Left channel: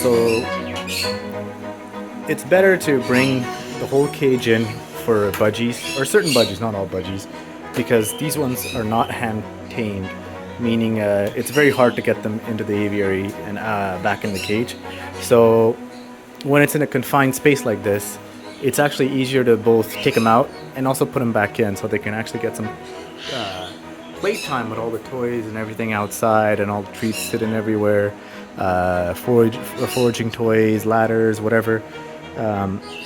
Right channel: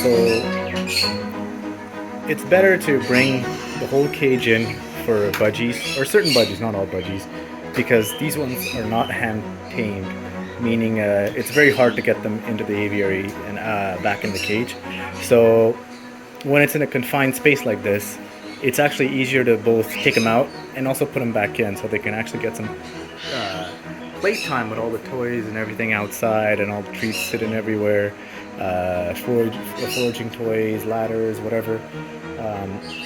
So it's better to bring the whole cage in for budgies, or certain budgies, not all budgies, because these ones are not hand tamed, meaning it's very hard to get them into the aviary and back in the cage. So when it's in a confined space like this, it's actually easier to both take them out and also put them back in so they can actually get some playtime with all the toys and everything outside and all the treats sitting everywhere, foraging toys, ladders, whatever.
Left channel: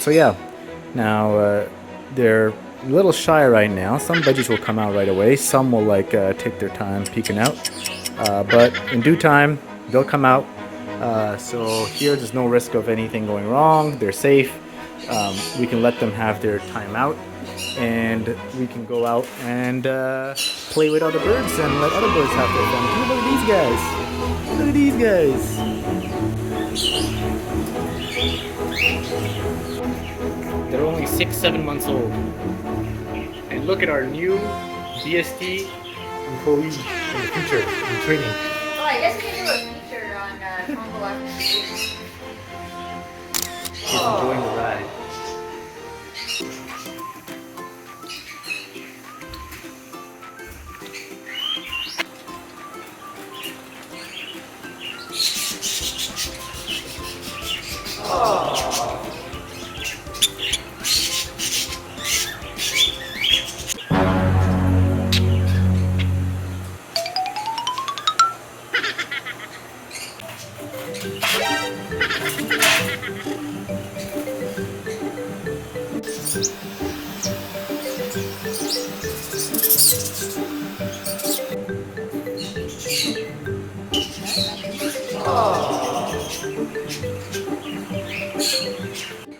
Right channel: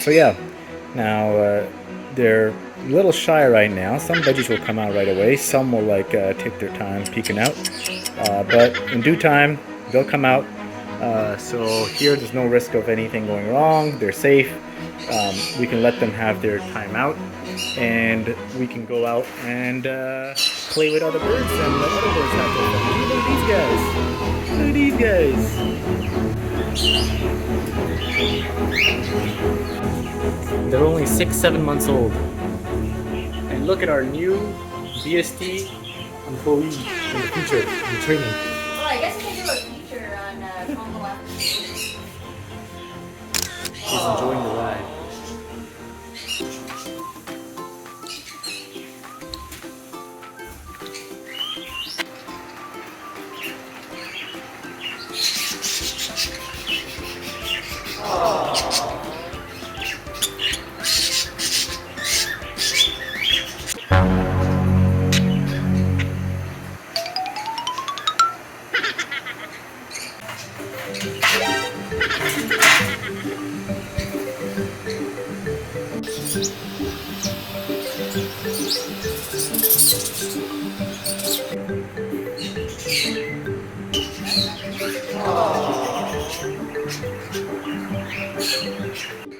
So yeah, now they're a little shy right now. Some budgies will come out right away. Some will like take their time peeking out, but in due time they'll come out. So here there's no risk of anything going wrong. They're safe. We can let them have their time out, and we can go out and play with other birds and let other birds have their fun. Look at these guys. Look at these guys. They're only 6-7 months old. And look at our new BST employee in the future, in training. Well, I guess we can do a feature on Congo after He's enjoying the ride.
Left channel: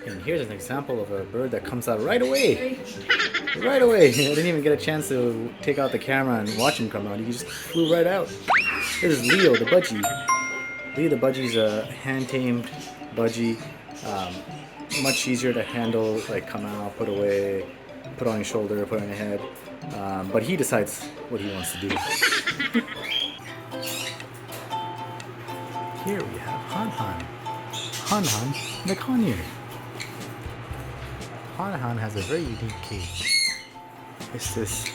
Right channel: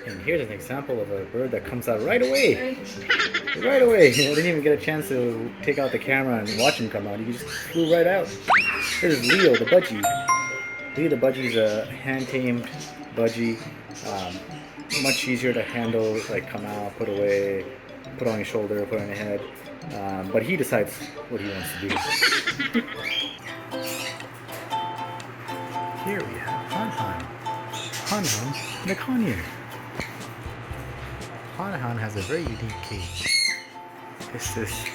And here's an example of a bird that comes out right away. Right away. I didn't even get a chance to take out the camera and watch him come out. He just flew right out. This is Leo, the budgie. Leo, the budgie's a hand-tamed budgie. Much easier to handle, like come out, put away, put on your shoulder, put on your head. But he decides what he wants to do. Here we have Han Han. Han Han the conure. Han Han has a very unique cage. It's this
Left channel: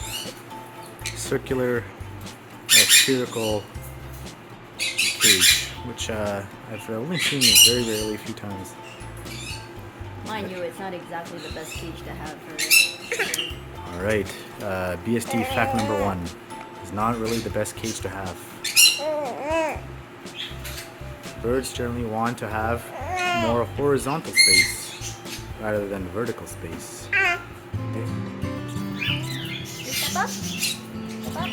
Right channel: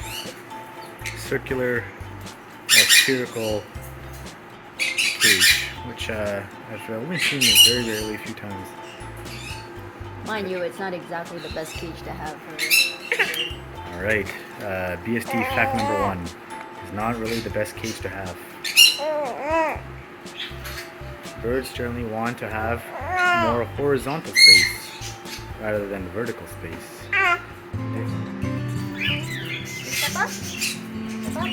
circular, spherical cage, which I've only seen it very rarely, a few times. Mind you, it's not exactly the best cage to have for. Alright, BST fact number 1. It's not really the best cage to have. Birds generally want to have more horizontal space rather than vertical space. Okay. Step up. Step up.